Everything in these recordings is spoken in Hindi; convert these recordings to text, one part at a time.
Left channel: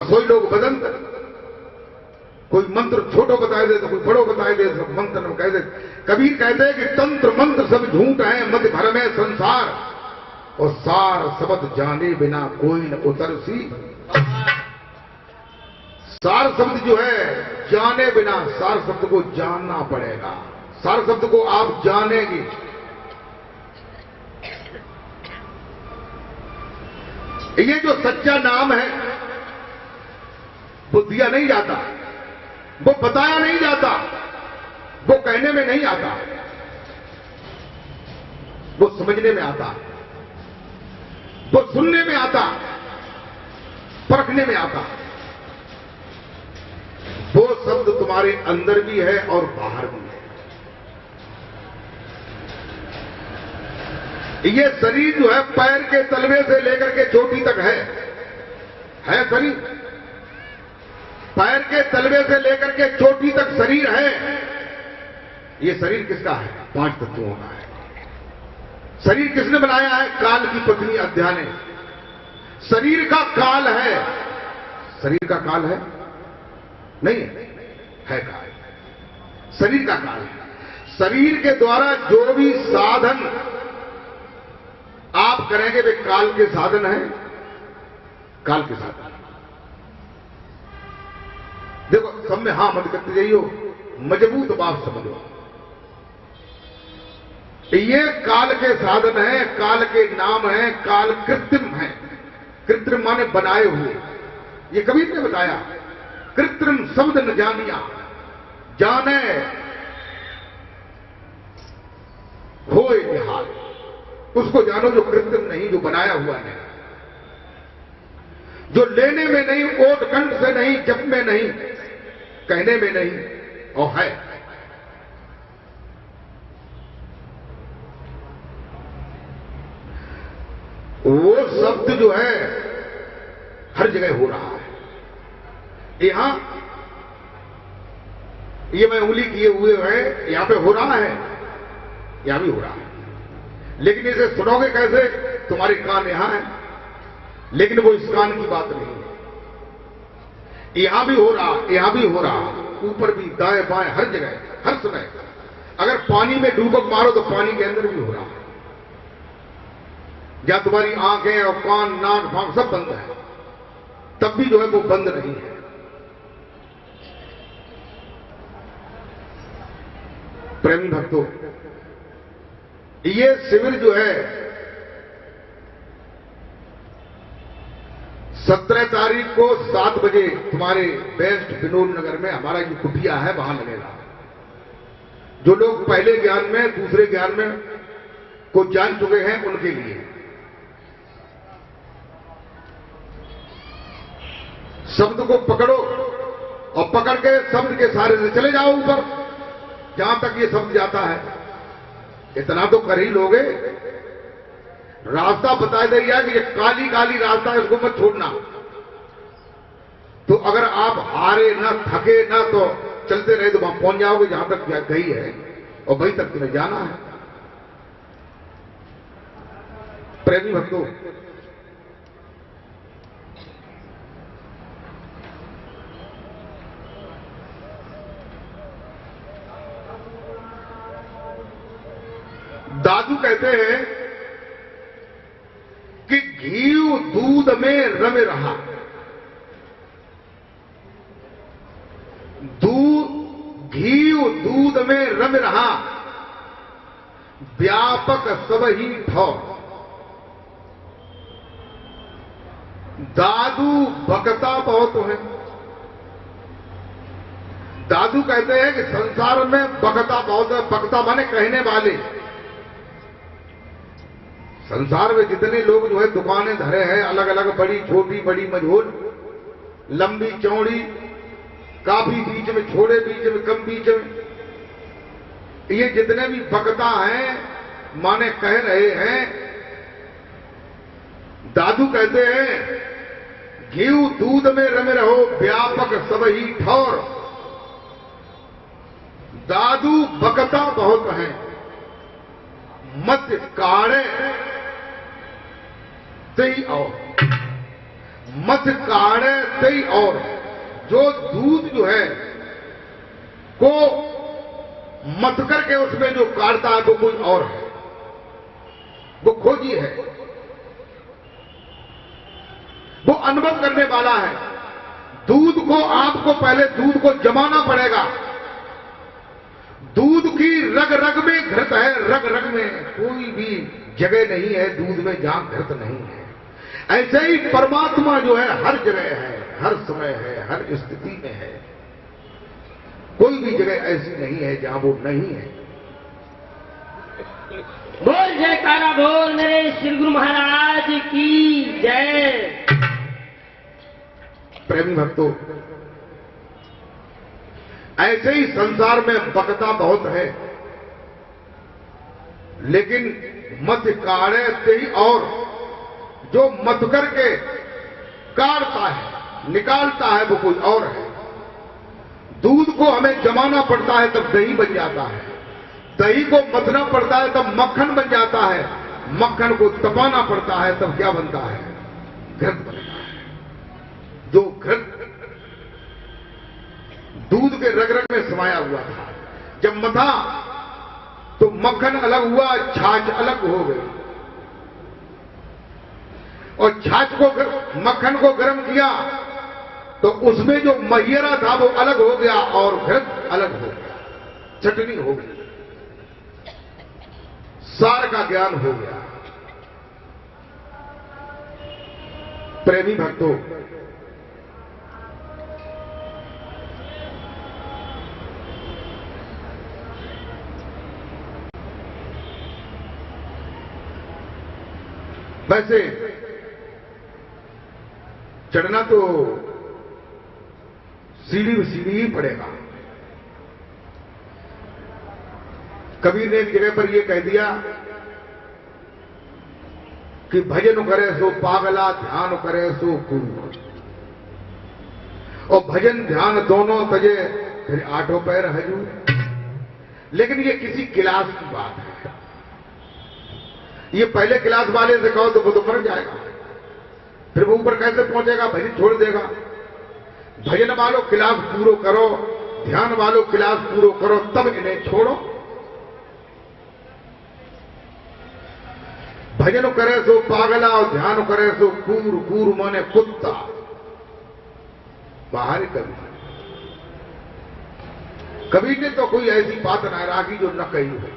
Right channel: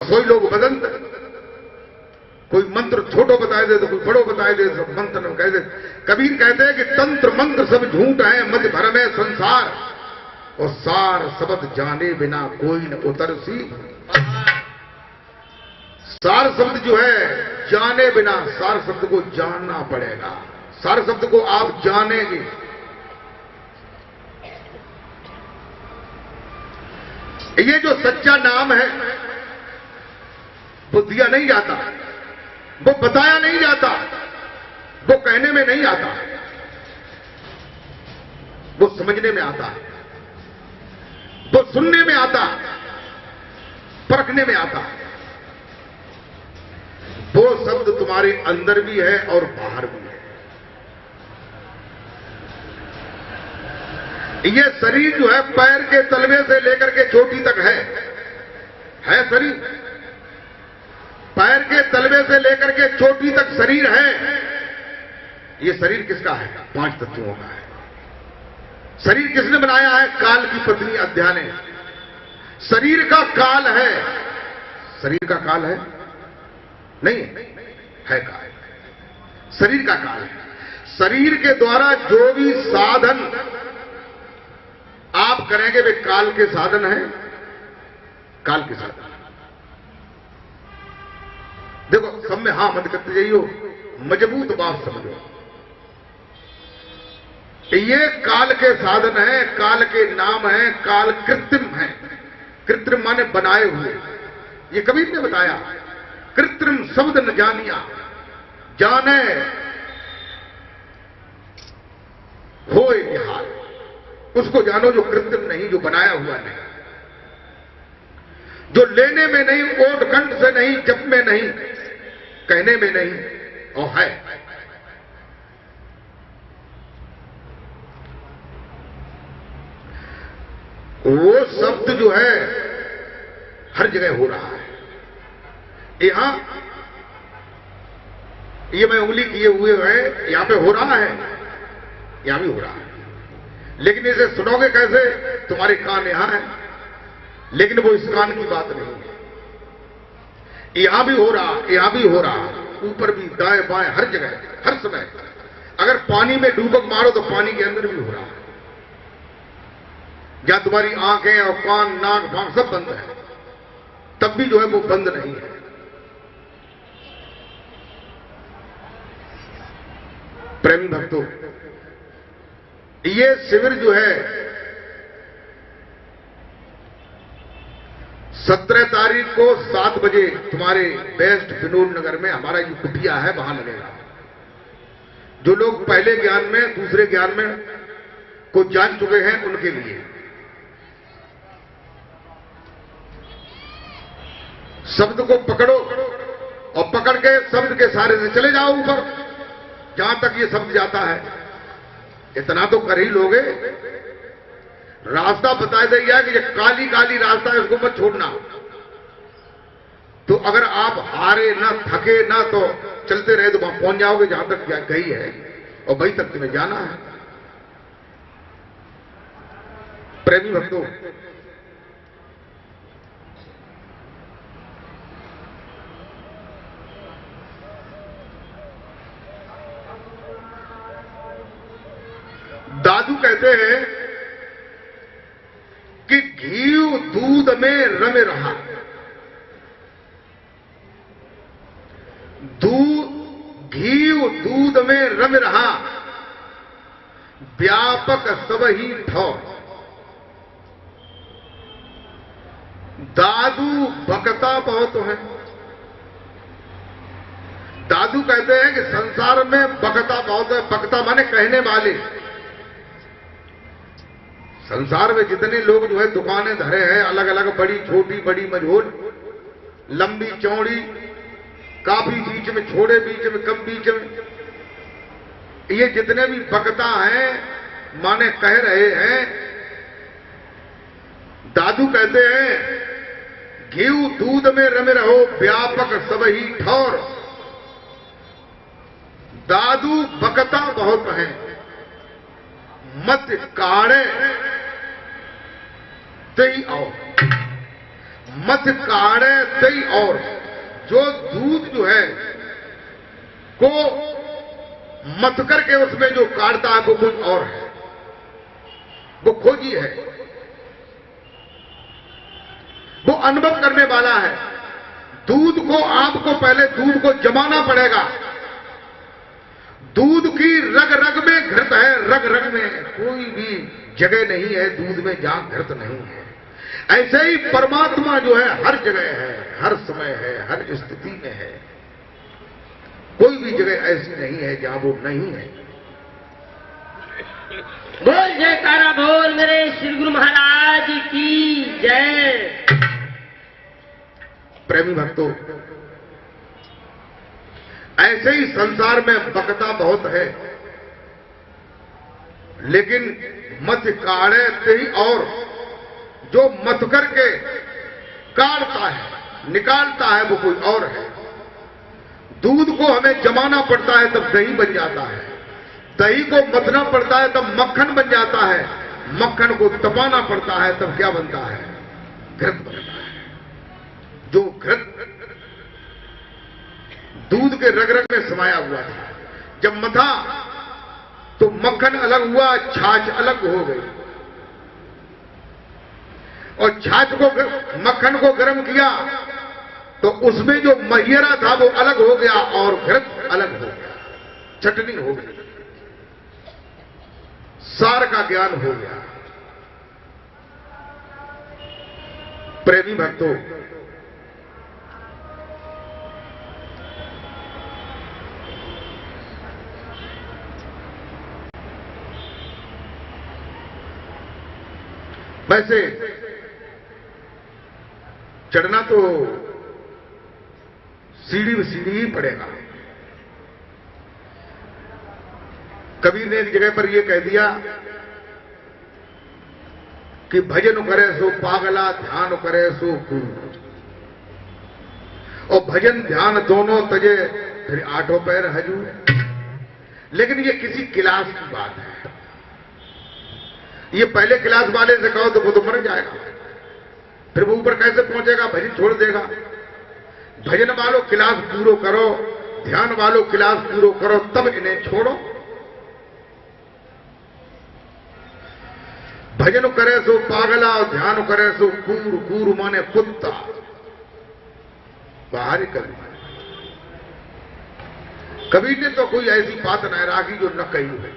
कोई लोग बदंत, कोई मंत्र छोटो बताए दे तो कोई बड़ो बताए दे, सब मंत्र में कह दे। कबीर कहते हैं कि तंत्र मंत्र सब झूठ है, मत भर में संसार, और सार शब्द जाने बिना कोई न उतरसी। सार शब्द जो है जाने बिना, सार शब्द को जानना पड़ेगा, सार शब्द को आप जानेंगे। ये जो सच्चा नाम है वो दिया नहीं जाता, वो बताया नहीं जाता, वो कहने में नहीं आता, वो समझने में आता, वो सुनने में आता, परखने में आता। वो शब्द तुम्हारे अंदर भी है और बाहर भी है। ये शरीर जो है पैर के तलवे से लेकर के चोटी तक है शरीर, पैर के तलवे से लेकर के चोटी तक शरीर है। ये शरीर किसका है? 5 तत्वों का है। शरीर किसने बनाया है? काल की पत्नी अद्या ने। शरीर का काल है, शरीर का काल है नहीं है काल, शरीर का काल है। शरीर के द्वारा जो भी साधन आप करेंगे वे काल के साधन है, काल के साधन। देखो सब में हां मत करते जाइयो, मजबूत बात समझो। ये काल के साधन है, काल के नाम है, काल कृत्रिम है। कृत्रिम माने बनाए हुए। ये कबीर ने बताया, कृत्रिम शब्द न जानिया, जाने होए निहाल। उसको जानो जो कृत्रिम नहीं, जो बनाया हुआ नहीं, जो लेने में नहीं, ओट कंठ से नहीं, जप में नहीं, कहने में नहीं, और है। वो शब्द जो है हर जगह हो रहा है। यहां ये मैं उंगली किए हुए है, यहां पे हो रहा है, यहां भी हो रहा है। लेकिन इसे सुनोगे कैसे? तुम्हारे कान यहां है, लेकिन वो इस कान की बात नहीं है। यहां भी हो रहा, यहां भी हो रहा, ऊपर भी, दाएं बाएं, हर जगह, हर समय। अगर पानी में डूबक मारो तो पानी के अंदर भी हो रहा है। या तुम्हारी आंखें और कान, नाक, भाग सब बंद है, तब भी जो है वो बंद नहीं है। प्रेमी भक्तों, ये शिविर जो है 17 तारीख को 7 बजे तुम्हारे बेस्ट विनोद नगर में हमारा जो कुटिया है वहां लगेगा। जो लोग पहले ज्ञान में, दूसरे ज्ञान में को जान चुके हैं उनके लिए। शब्द को पकड़ो और पकड़ के शब्द के सहारे से चले जाओ ऊपर, जहां तक ये शब्द जाता है। इतना तो कर ही लोगे। रास्ता बता दिया कि ये काली काली रास्ता है, इसको मत छोड़ना। तो अगर आप हारे ना, थके ना, तो चलते रहे तो वहां पहुंच जाओगे जहां तक गई है, और वहीं तक तुम्हें जाना है। प्रेमी भक्तों, दादू कहते हैं कि घी दूध में रमे रहा, घी दूध में रम रहा, व्यापक सब ही ठो। दादू बकता बहुत है। दादू कहते हैं कि संसार में बकता बहुत है। बकता माने कहने वाले। संसार में जितने लोग जो है दुकानें धरे हैं, अलग अलग, बड़ी छोटी, बड़ी मझोल, लंबी चौड़ी, काफी बीच में, छोड़े बीच में, कम बीच में, ये जितने भी बकता हैं माने कह रहे हैं, दादू कहते हैं घी दूध में रमे रहो, व्यापक सब ही ठौर। दादू बकता बहुत है, मत काढ़े ते आओ। मत काढ़े तई और, जो दूध जो है को मत करके उसमें जो काढ़ता है वो कुछ और है, वो खोजी है, वो अनुभव करने वाला है। दूध को आपको पहले दूध को जमाना पड़ेगा। दूध की रग रग में घृत है, रग रग में कोई भी जगह नहीं है दूध में जहां घृत नहीं है। ऐसे ही परमात्मा जो है हर जगह है, हर समय है, हर स्थिति में है। कोई भी जगह ऐसी नहीं है जहां वो नहीं है। बोल जयकारा बोल मेरे श्री गुरु महाराज की जय। प्रेमी भक्तों, ऐसे ही संसार में बकता बहुत है, लेकिन मत काढ़े ही और, जो मत करके काढ़ता है निकालता है वो कोई और है। दूध को हमें जमाना पड़ता है तब दही बन जाता है, दही को मथना पड़ता है तब मक्खन बन जाता है, मक्खन को तपाना पड़ता है तब क्या बनता है, घृत बनता है। जो घृत दूध के रग रग में समाया हुआ था, जब मथा तो मक्खन अलग हुआ, छाछ अलग हो गई, और छाछ को मक्खन को गर्म किया तो उसमें जो महियरा था वो अलग हो गया और घृत अलग हो गया, चटनी हो गई, सार का ज्ञान हो गया। प्रेमी भक्तों, वैसे चढ़ना तो सीढ़ी ही पड़ेगा। कबीर ने एक जगह पर यह कह दिया कि भजन करे सो पागला, ध्यान करे सो गुरु। और भजन ध्यान दोनों तजे फिर आठों पैर हजूर। लेकिन ये किसी क्लास की बात है। ये पहले क्लास वाले से कहो तो वो तो मर जाएगा, फिर वो ऊपर कैसे पहुंचेगा, भजन छोड़ देगा। भजन वालों क्लास पूरो करो, ध्यान वालों क्लास पूरो करो, तब इन्हें छोड़ो। भजन करे सो पागला और ध्यान करे सो कूर। कूर माने कुत्ता, बाहर कर। कबीर ने तो कोई ऐसी बात न राखी जो न कही है।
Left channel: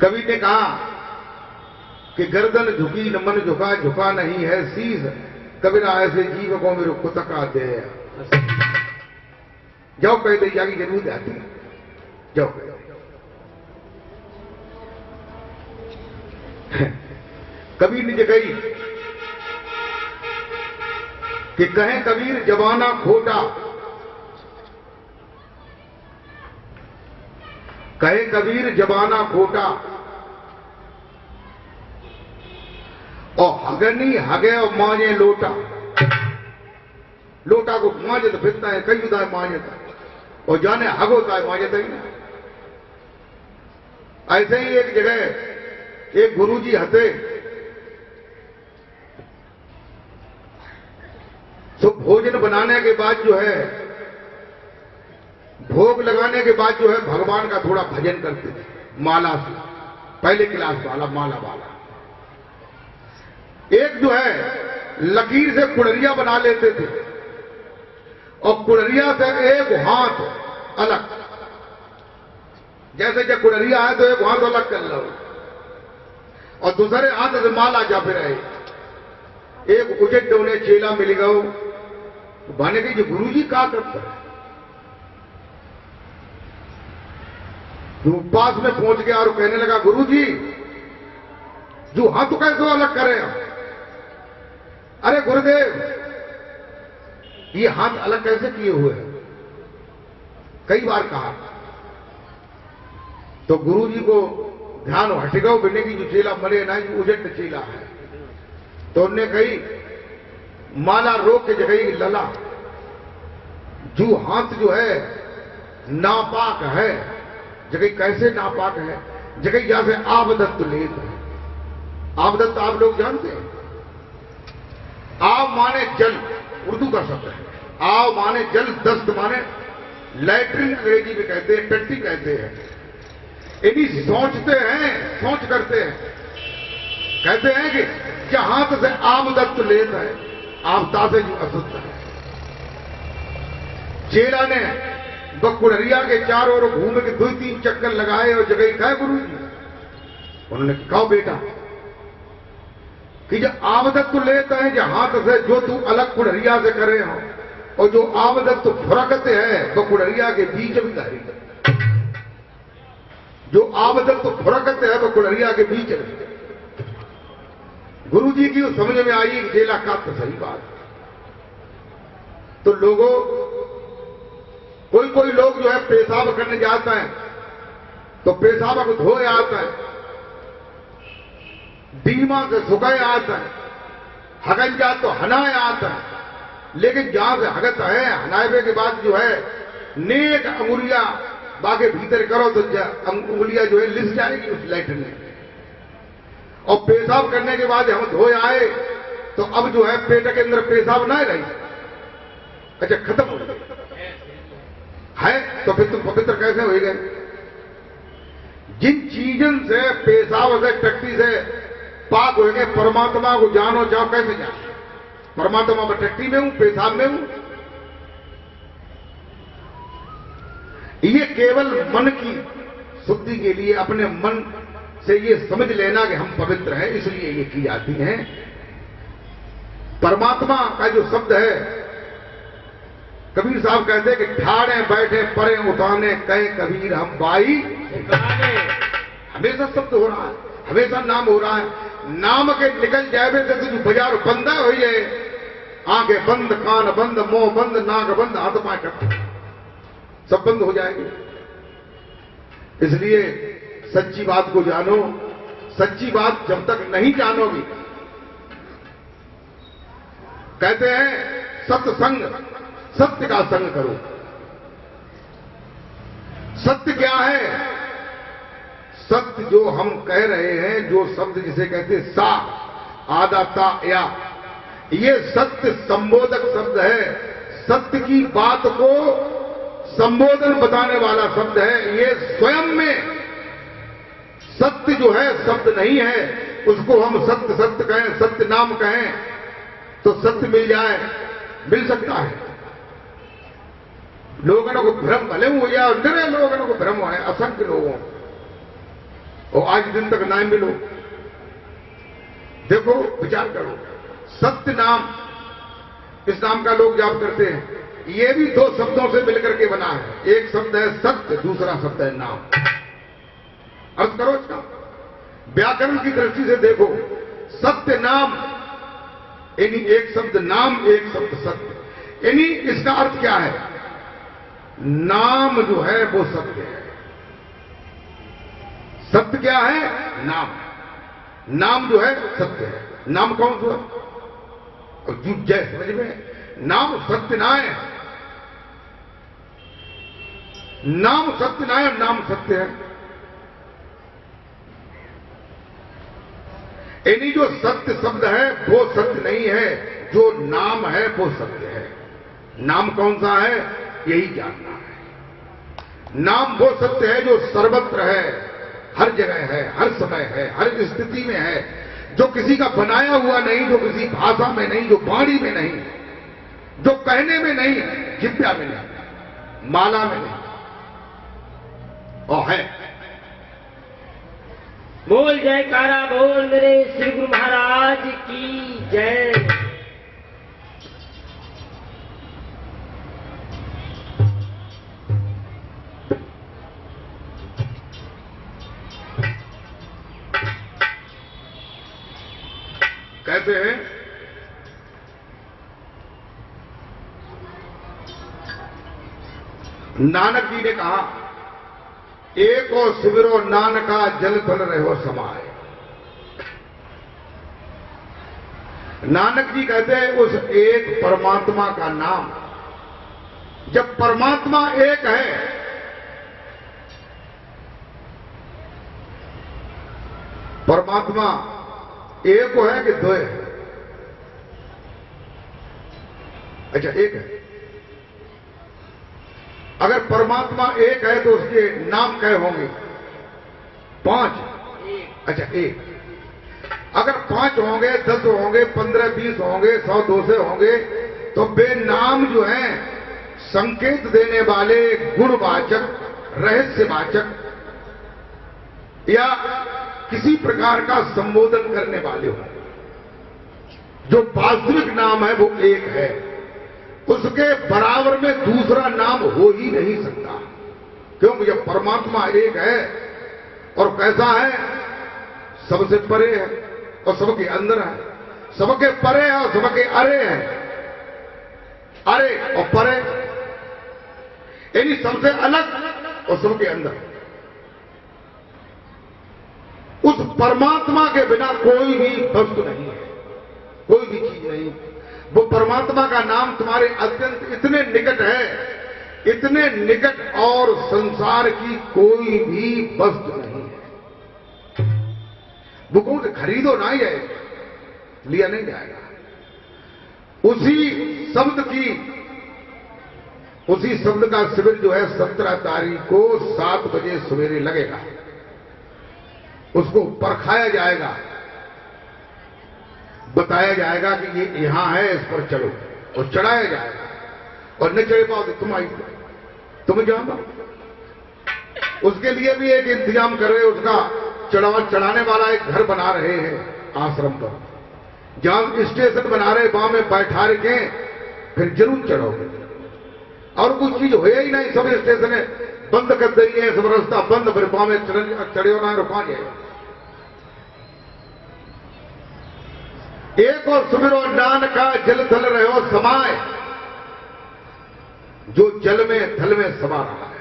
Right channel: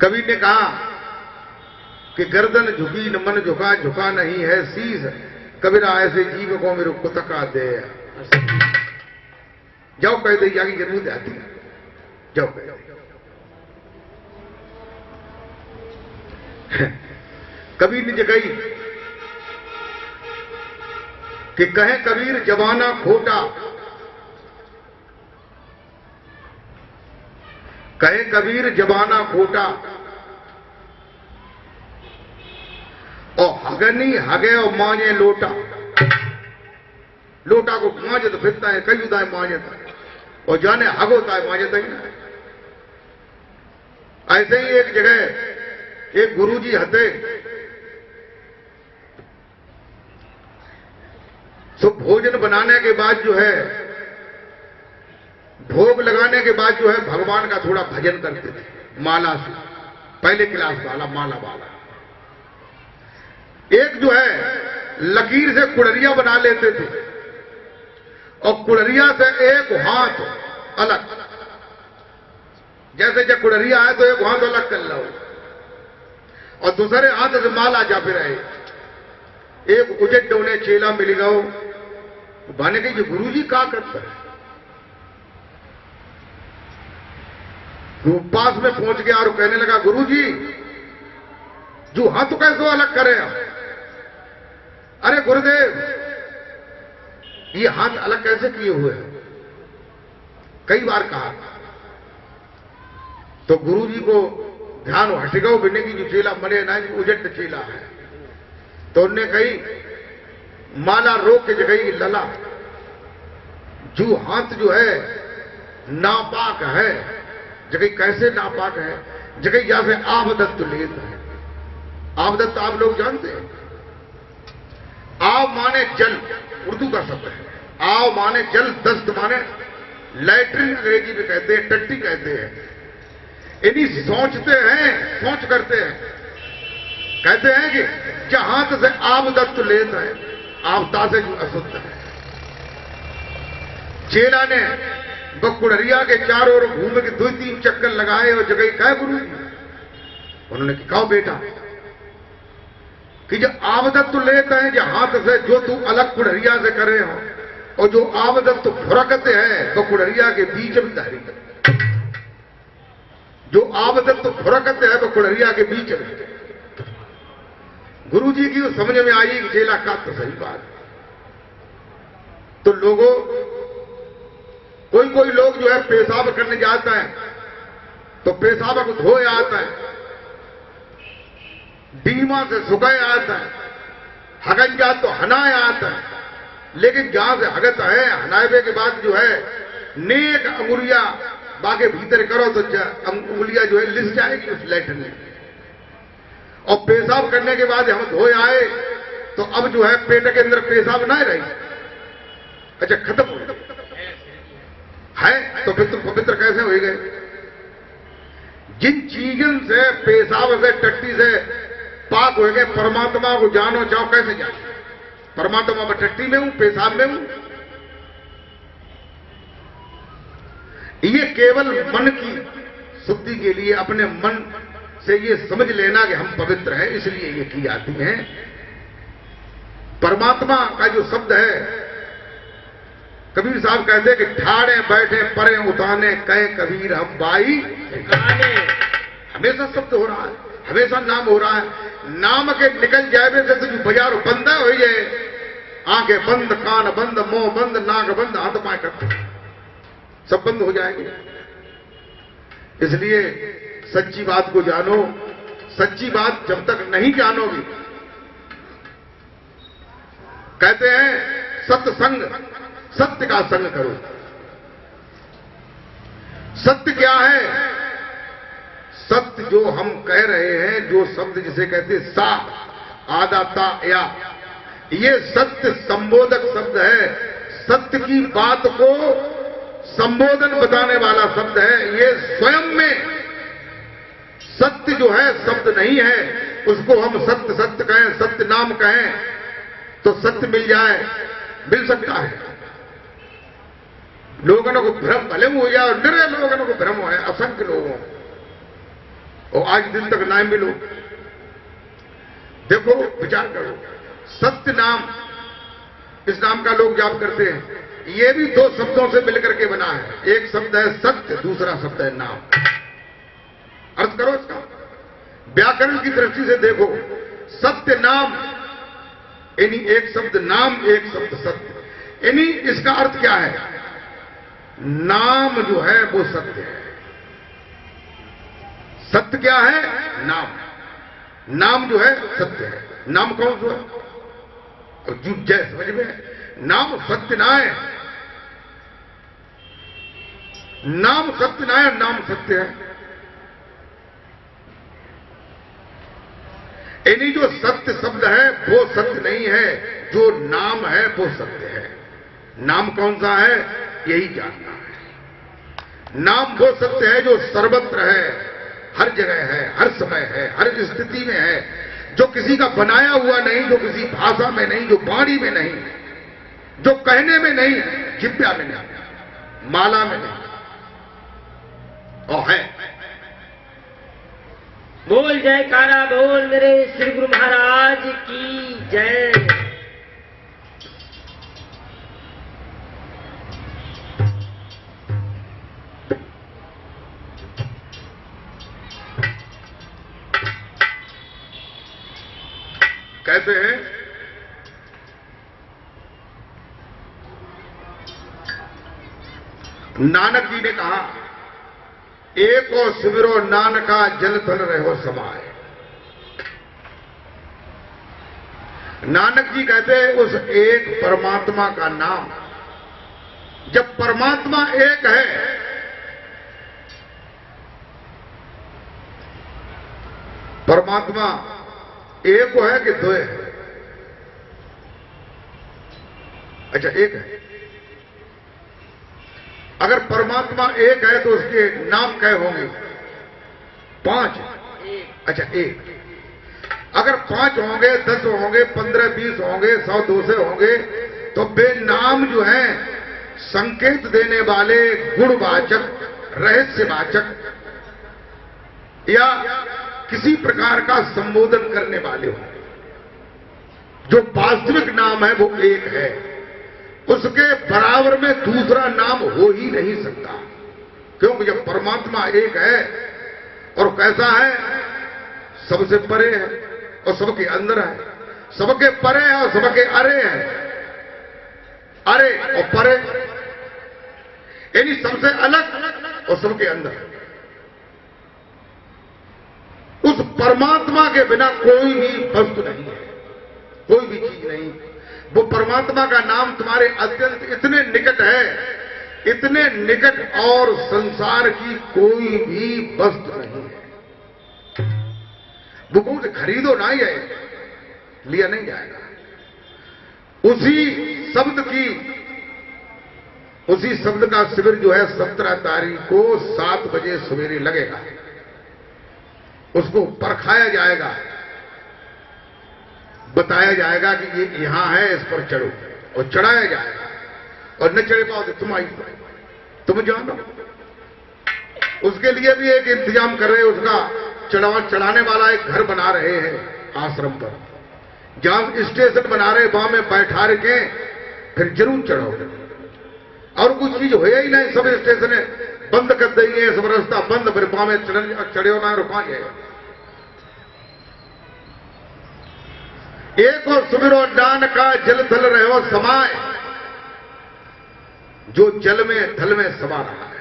कबीर ने कहा कि गर्दन झुकी न मन झुका, झुका नहीं है शीस। कबीरा ऐसे जीव को मेरे कुतका दे। जाओ कह दे जागी जरूर आती है, जाओ कह। कबीर ने कही कि कहे कबीर जमाना खोटा, कहे कबीर जमाना खोटा। और हगनी हगे और मांझे लोटा। लोटा को मांझे तो फिरता है, कई उदाय मांझता, और जाने हग होता है मांझता ही ना। ऐसे ही एक जगह एक गुरुजी हते, तो भोजन बनाने के बाद जो है, भोग लगाने के बाद जो है भगवान का थोड़ा भजन करते थे माला से। पहले क्लास वाला माला वाला। एक जो है लकीर से कुड़रिया बना लेते थे, और कुड़रिया से एक हाथ अलग, जैसे जब कुड़रिया है तो एक हाथ अलग कर लो, और दूसरे हाथ से माला जा फिर आए। एक उजट उन्हें चेला मिल गयो, भाने के गुरु जी क्या करते हैं। तो पास में पहुंच गया और कहने लगा, गुरु जी जो हाथ तो कैसे अलग करें आप? अरे गुरुदेव, ये हाथ अलग कैसे किए हुए हैं? कई बार कहा। तो गुरु जी को ध्यान हटेगा बिने की जो चेला मरे ना, उजट चेला है। तो उन्होंने कही माला रोक के जगह लला, जो हाथ जो है नापाक है, जगह कैसे नापाक है, जगह या से आबदत्त लेत है। आवदत्त आप लोग जानते हैं? आव माने जल, उर्दू का शब्द है। आव माने जल, दस्त माने लैट्रिन अंग्रेजी में कहते हैं, टट्टी कहते हैं। इन्हीं सोचते हैं, सोच करते हैं, कहते हैं कि जहां से आवदत्त लेता है, आवता से जो असुद्ध है। चेला ने बकुड़रिया के चारों ओर घूम के 2-3 चक्कर लगाए और जगह कहा गुरु जी, उन्होंने कहा बेटा कि जो आवदत्त लेता है जहां से, जो तू अलग कुड़रिया से करे हो, और जो आवदत्त फुरकत है बकुड़रिया के बीच में दारी, जो आवदत्त फुरकत है बकुड़रिया के बीच में। गुरु जी की समझ में आई कि चेला का तो सही बात। तो लोगों, कोई लोग जो है पेशाब करने जाता है तो पेशाब को धोए आता है, बीमा से सुखाए आता है, हगन जा तो हनाए आता है। लेकिन जहां से हगत है, हनाए के बाद जो है नेक अंगुलियां बागे भीतर करो तो अंगुलियां जो है लिस जाएगी उस लैट्रिन में। और पेशाब करने के बाद हम धोए आए तो अब जो है पेट के अंदर पेशाब ना रही, अच्छा खत्म हो गया है, तो फिर तुम पवित्र कैसे हो गए? जिन चीजों से, पेशाब से, टट्टी से पाक हो गए, परमात्मा को जानो चाहो, कैसे जानो? परमात्मा में टट्टी में हूं, पेशाब में हूं। ये केवल मन की शुद्धि के लिए अपने मन से ये समझ लेना कि हम पवित्र हैं, इसलिए ये की जाती है। परमात्मा का जो शब्द है, कबीर साहब कहते हैं कि ठाड़े बैठे परे उठाने कहे कबीर हम बाई गाने। हमेशा शब्द हो रहा है, हमेशा नाम हो रहा है। नाम के निकल जाए से जो बाजार बंद हो जाए, आंखें बंद, कान बंद, मुंह बंद, नाक बंद, हाथ पाए करते, सब बंद हो जाएंगे। इसलिए सच्ची बात को जानो। सच्ची बात जब तक नहीं जानोगी, कहते हैं सत्संग, सत्य का संग करो। सत्य क्या है? सत्य जो हम कह रहे हैं, जो शब्द जिसे कहते हैं सा, आदा, ता, या, ये सत्य संबोधक शब्द है। सत्य की बात को संबोधन बताने वाला शब्द है। ये स्वयं में सत्य जो है शब्द नहीं है, उसको हम सत्य सत्य कहें, सत्य नाम कहें तो सत्य मिल जाए, मिल सकता है। लोगों को भ्रम भले हो जाए, और निरे लोगों को भ्रम है, असंख्य लोगों, और आज दिन तक ना मिलो। देखो, विचार करो, सत्य नाम, इस नाम का लोग जाप करते हैं। ये भी 2 शब्दों से मिलकर के बना है। एक शब्द है सत्य, दूसरा शब्द है नाम। अर्थ करो इसका, व्याकरण की दृष्टि से देखो, सत्य नाम, यानी एक शब्द नाम, एक शब्द सत्य, यानी इसका अर्थ क्या है? नाम जो है वो सत्य है। सत्य क्या है? नाम। नाम जो है सत्य है। नाम कौन सा? और जुट जय समझ में, नाम सत्य ना है, नाम सत्य ना है, नाम सत्य है। यानी जो सत्य शब्द है वो सत्य नहीं है, जो नाम है वो सत्य है। नाम कौन सा है? यही जानना है। नाम वो सत्य है जो सर्वत्र है, हर जगह है, हर समय है, हर स्थिति में है, जो किसी का बनाया हुआ नहीं, जो किसी भाषा में नहीं, जो वाणी में नहीं, जो कहने में नहीं, जिब्या में नहीं, माला में नहीं, और है। बोल जयकारा बोल मेरे श्री गुरु महाराज की जय। कहते हैं नानक जी ने कहा, एको सिमरो नानका जल थल रहो समाए। नानक जी कहते हैं उस एक परमात्मा का नाम, जब परमात्मा एक है, परमात्मा एक है कि दो है? अच्छा, एक है। अगर परमात्मा एक है तो उसके नाम कै होंगे? 5। अच्छा, एक। अगर 5 होंगे, 10 होंगे, 15, 20 होंगे, 100, 200 होंगे, तो बेनाम जो है संकेत देने वाले, गुणवाचक, रहस्यवाचक या किसी प्रकार का संबोधन करने वाले हो, जो वास्तविक नाम है वो एक है। उसके बराबर में दूसरा नाम हो ही नहीं सकता, क्योंकि जब परमात्मा एक है और कैसा है, सबसे परे है और सबके अंदर है, सबके परे है और सबके अरे है। अरे और परे यानी सबसे अलग और सबके अंदर। उस परमात्मा के बिना कोई भी वस्तु नहीं है, कोई भी चीज नहीं। वो परमात्मा का नाम तुम्हारे अत्यंत इतने निकट है, इतने निकट, और संसार की कोई भी वस्तु नहीं है। वो कौन खरीदो ना ही है, लिया नहीं जाएगा। उसी शब्द का शिविर जो है 17 तारीख को 7 बजे सवेरे लगेगा। उसको परखाया जाएगा, बताया जाएगा कि ये यहां है, इस पर चढ़ो, और चढ़ाया जाएगा। और न चढ़ पाओ तो तुम जानो। उसके लिए भी एक इंतजाम कर रहे हैं, उसका चढ़ाने वाला एक घर बना रहे हैं आश्रम पर, जहां स्टेशन बना रहे, वहां में बैठा रखे, फिर जरूर चढ़ोगे। और कुछ चीज हो ही नहीं, सब स्टेशन बंद कर देंगे, सब रास्ता बंद, फिर वहां में चढ़े होना रुका जाएगा। एक और सुमिरो नान का जल थल रहो समाय, जो जल में थल में समा रहा है।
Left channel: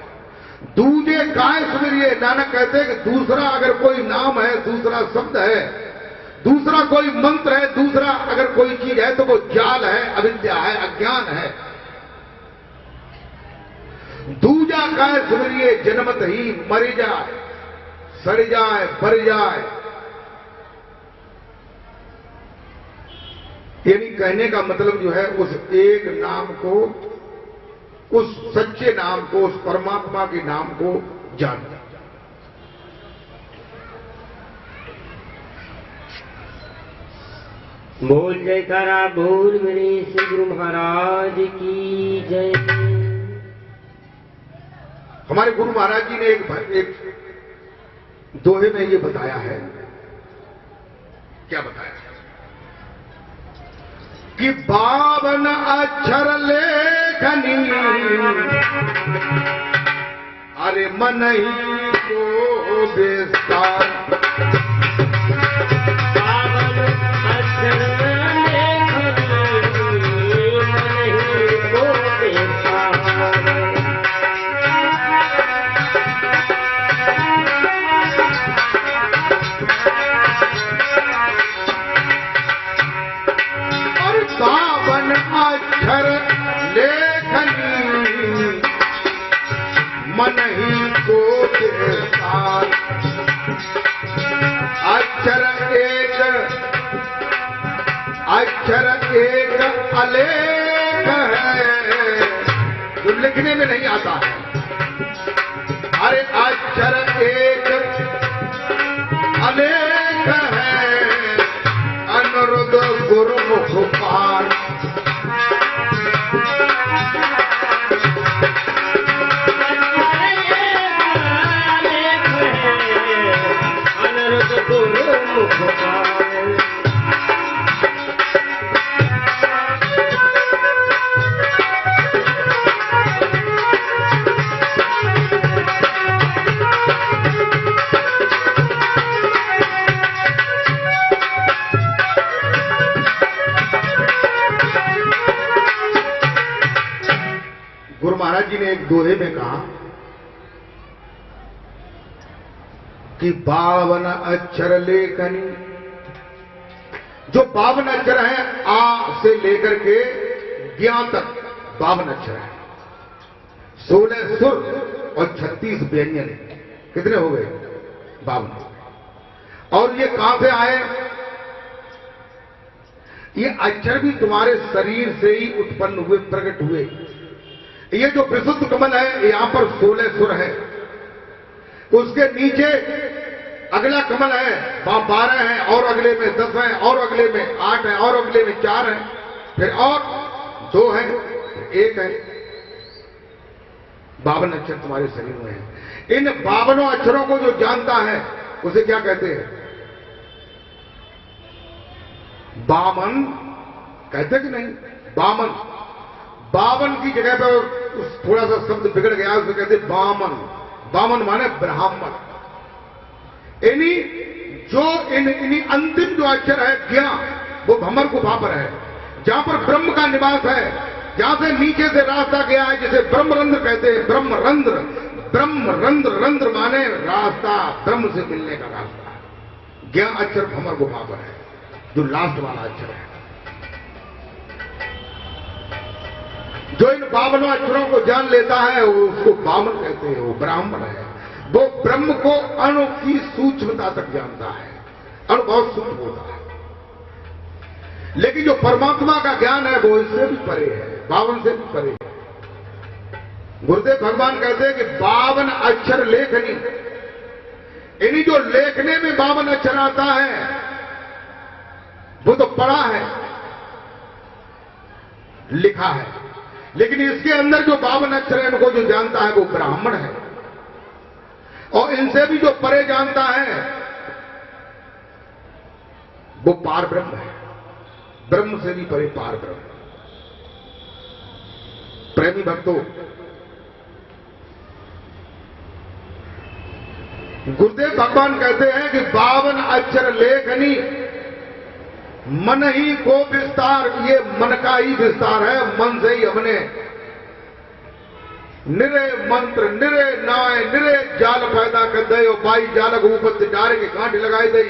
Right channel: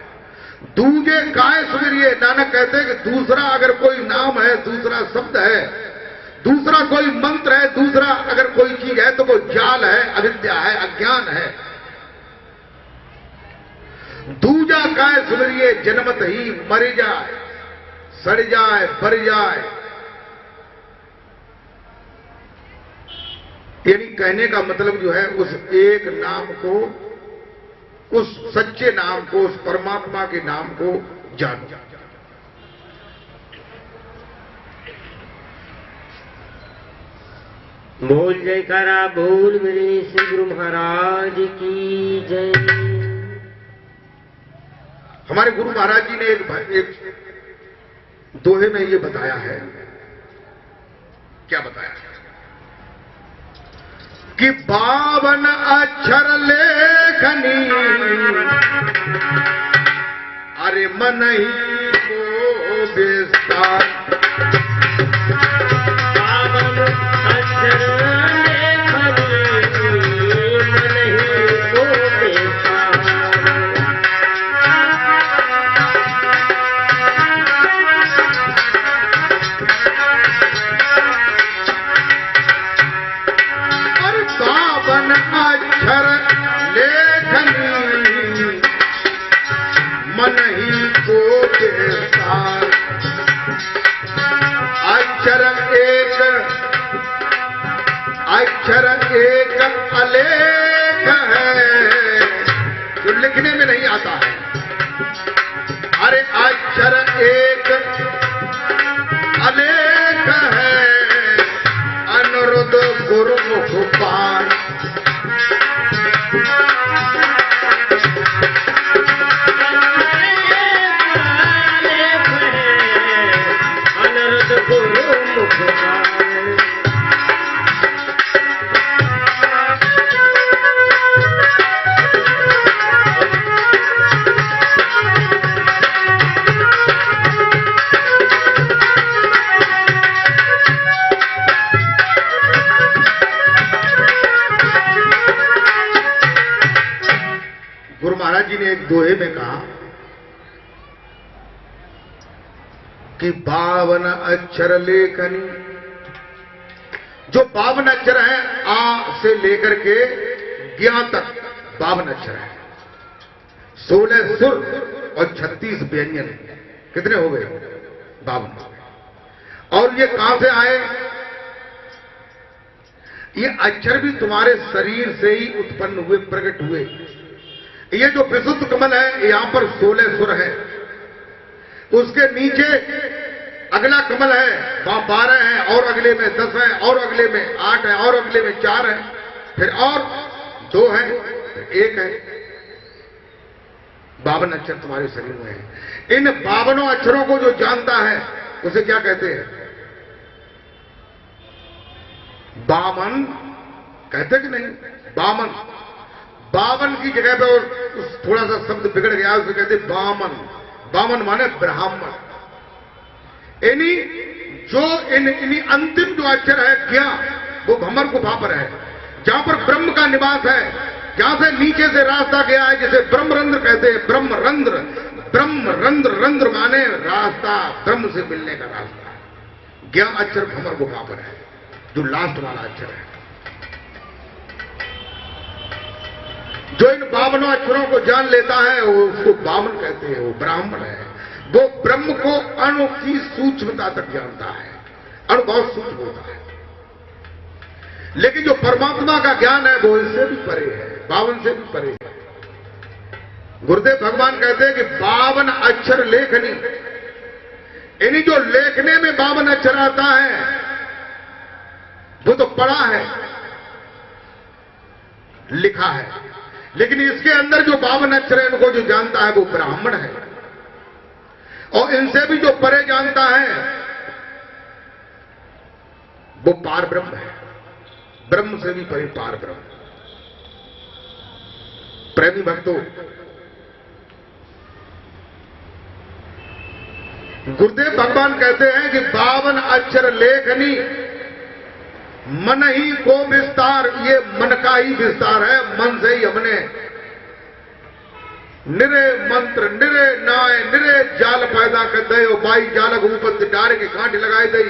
दूजे काय सुमिरिए, नानक कहते हैं कि दूसरा अगर कोई नाम है, दूसरा शब्द है, दूसरा कोई मंत्र है, दूसरा अगर कोई चीज है, तो वो जाल है, अविद्या है, अज्ञान है। दूजा काय सुमिरिए, जन्मत ही मर जाए, सड़ जाए, बर जाए। यानी कहने का मतलब जो है, उस एक नाम को, उस सच्चे नाम को, उस परमात्मा के नाम को जान। बोल जयकारा बोल मेरे श्री गुरु महाराज की जय। हमारे गुरु महाराज जी ने एक दोहे में ये बताया है। क्या बताया है? कि 52 अक्षर लेखनी, अरे मन ही को बेस्तार। 52 अक्षर लेखनी, मन ही को बेस्तार। अक्षर लेखनी, मन ही को बेसार। अक्षर एक अलेख है, जो लिखने में नहीं आता है। अरे अक्षर एक अलेख है, अनुरुद्ध गुरुमुख पार। गुरु महाराज जी ने एक दोहे में कहा कि 52 अक्षर लेखनी, जो 52 अक्षर हैं, आ से लेकर के ज्ञा तक 52 अक्षर है। 16 सुर और 36 व्यंजन। कितने हो गए? 52। और ये कहां से आए? ये अक्षर भी तुम्हारे शरीर से ही उत्पन्न हुए, प्रकट हुए। ये जो विशुद्ध कमल है, यहां पर 16 सुर है, उसके नीचे अगला कमल है, वहां 12 है, और अगले में 10 है, और अगले में 8 है, और अगले में 4 है, फिर और 2 है, फिर 1 है। 52 अक्षर तुम्हारे शरीर में है। इन 52 अक्षरों को जो जानता है उसे क्या कहते हैं? बामन कहते कि नहीं? बामन। 52 की जगह पर थोड़ा सा शब्द बिगड़ गया, उसे कहते बामन। बामन माने ब्राह्मण। इन्हीं अंतिम जो अक्षर है ज्ञान, वो भमर गुफा पर है, जहां पर ब्रह्म का निवास है, जहां से नीचे से रास्ता गया है, जिसे ब्रह्मरंध्र कहते हैं। ब्रह्मरंध्र, ब्रह्मरंध्र, रंध्र माने रास्ता, ब्रह्म से मिलने का रास्ता। ज्ञान अक्षर भमर गुफा पर है, जो लास्ट वाला अक्षर है। जो इन 52 अक्षरों को जान लेता है वो उसको बामन कहते हैं, वो ब्राह्मण है। वो ब्रह्म को अणु की सूक्ष्मता तक जानता है। अणु बहुत सूक्ष्म होता है, लेकिन जो परमात्मा का ज्ञान है वो इससे भी परे है, 52 से भी परे है। गुरुदेव भगवान कहते हैं कि 52 अक्षर लेखनी, इन्हीं जो लेखने में 52 अक्षर आता है वो तो पढ़ा है, लिखा है, लेकिन इसके अंदर जो 52 अक्षर है इनको जो जानता है वो ब्राह्मण है। और इनसे भी जो परे जानता है वो पार ब्रह्म है। ब्रह्म से भी परे पार ब्रह्म। प्रेमी भक्तों, गुरुदेव भगवान कहते हैं कि 52 अक्षर लेखनी, मन ही को विस्तार। ये मन का ही विस्तार है, मन से ही हमने निरे मंत्र, निरे नाय, निरे जाल पैदा कर दे। और बाई जालक ऊपर डारे के कांटे लगाए दई,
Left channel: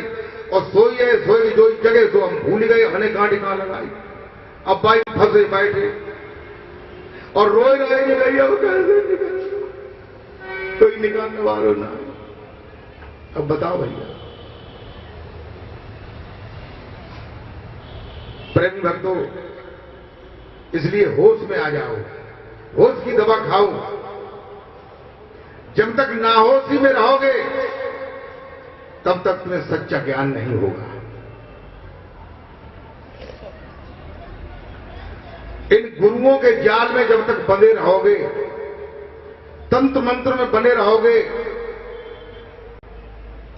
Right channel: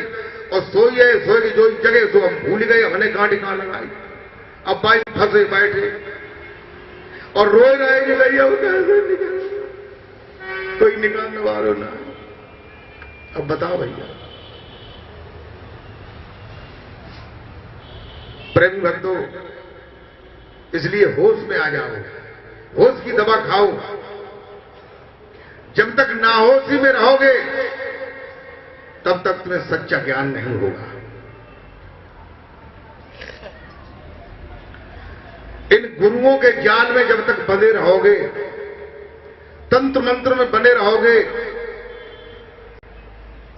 और सोइए सोई जो जगह तो हम भूल गए, हमने कांटे कहां लगाई। अब बाई फंसे बैठे और रोए रहे कि भैया वो कैसे निकल, कोई निकालने वालों ना। अब बताओ भैया, प्रेम भक्तों, इसलिए होश में आ जाओ, होश की दवा खाओ। जब तक नाहोशी में रहोगे तब तक तुम्हें सच्चा ज्ञान नहीं होगा। इन गुरुओं के जाल में जब तक बंधे रहोगे, तंत्र मंत्र में बने रहोगे,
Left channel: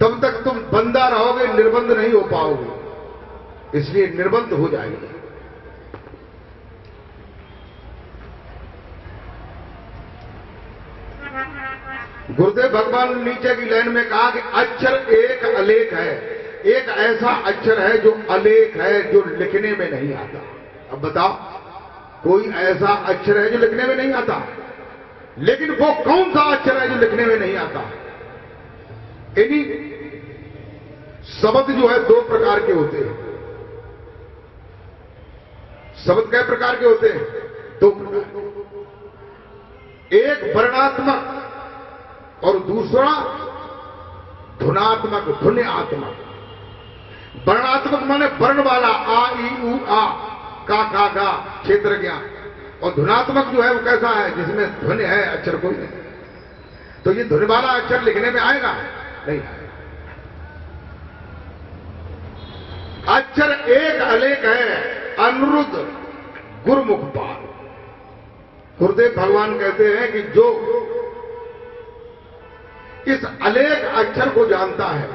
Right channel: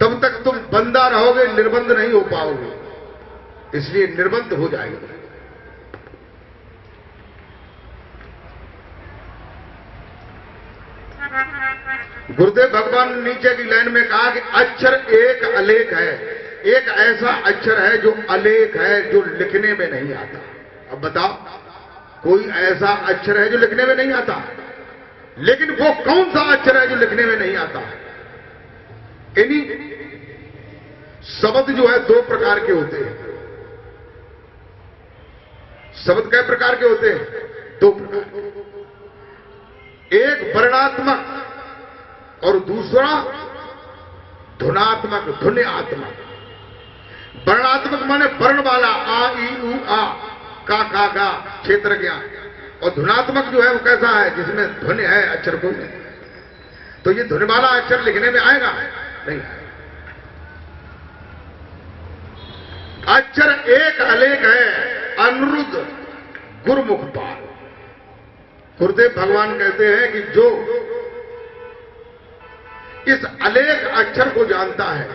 तब तक तुम बंधा रहोगे, निर्बंध नहीं हो पाओगे। इसलिए निर्बंध हो जाएंगे। गुरुदेव भगवान ने नीचे की लाइन में कहा कि अक्षर एक अलेख है। एक ऐसा अक्षर है जो अलेख है, जो लिखने में नहीं आता। अब बताओ, कोई ऐसा अक्षर है जो लिखने में नहीं आता, लेकिन वो कौन सा अक्षर है जो लिखने में नहीं आता? इन्हीं शब्द जो है 2 प्रकार के होते हैं। शब्द कै प्रकार के होते हैं? 2 प्रकार। एक वर्णात्मक और दूसरा धुनात्मक, ध्वन्यात्मक। वर्णात्मक माने वर्ण वाला, आ ई उ आ, का गा, क्षेत्र ज्ञान। और धुनात्मक जो है वो कैसा है? जिसमें ध्वनि है, अक्षर कोई नहीं। तो ये ध्वनि वाला अक्षर लिखने में आएगा नहीं? अक्षर एक अलेख है, अनिरुद्ध गुरुमुख पाल। गुरुदेव भगवान कहते हैं कि जो इस अलेख अक्षर को जानता है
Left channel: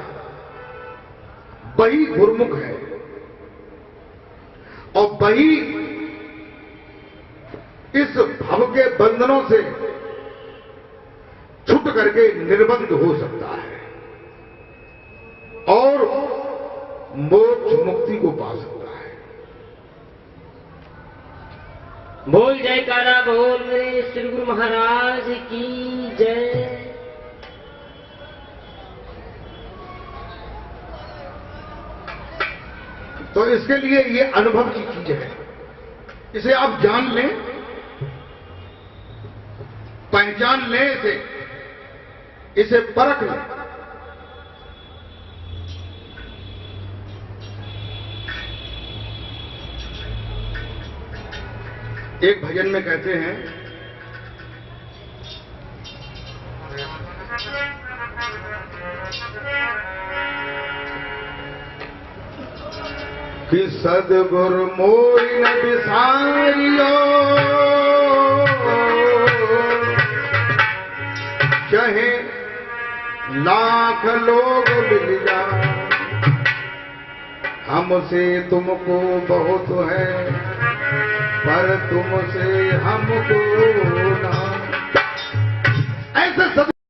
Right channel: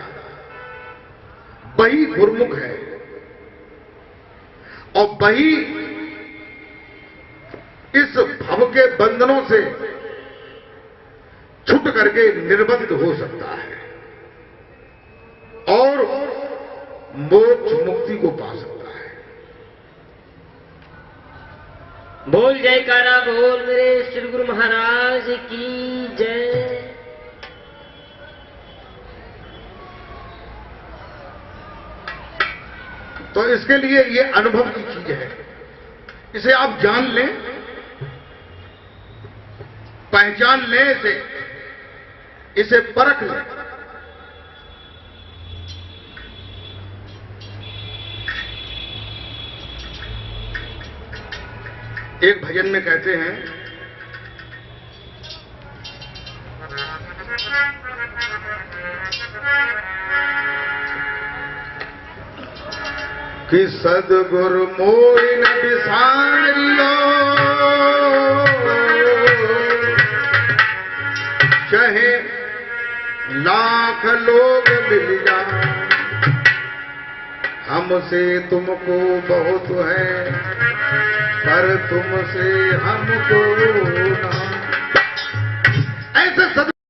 वही गुरुमुख है, और वही इस भव के बंधनों से छूट करके निर्बंध हो सकता है और मोक्ष मुक्ति को पा सकता है। बोल जयकारा बोल मेरे श्री गुरु महाराज की जय। तो इसके लिए ये अनुभव की चीज है, इसे आप जान लें, पहचान लें, इसे परख लें। एक भजन में कहते हैं कि सदगुरु मोरी न बिसारियो, चाहे लाख लोग मिल जाए, हमसे तुमको बहुत है पर तुमसे हमको ना। ऐसे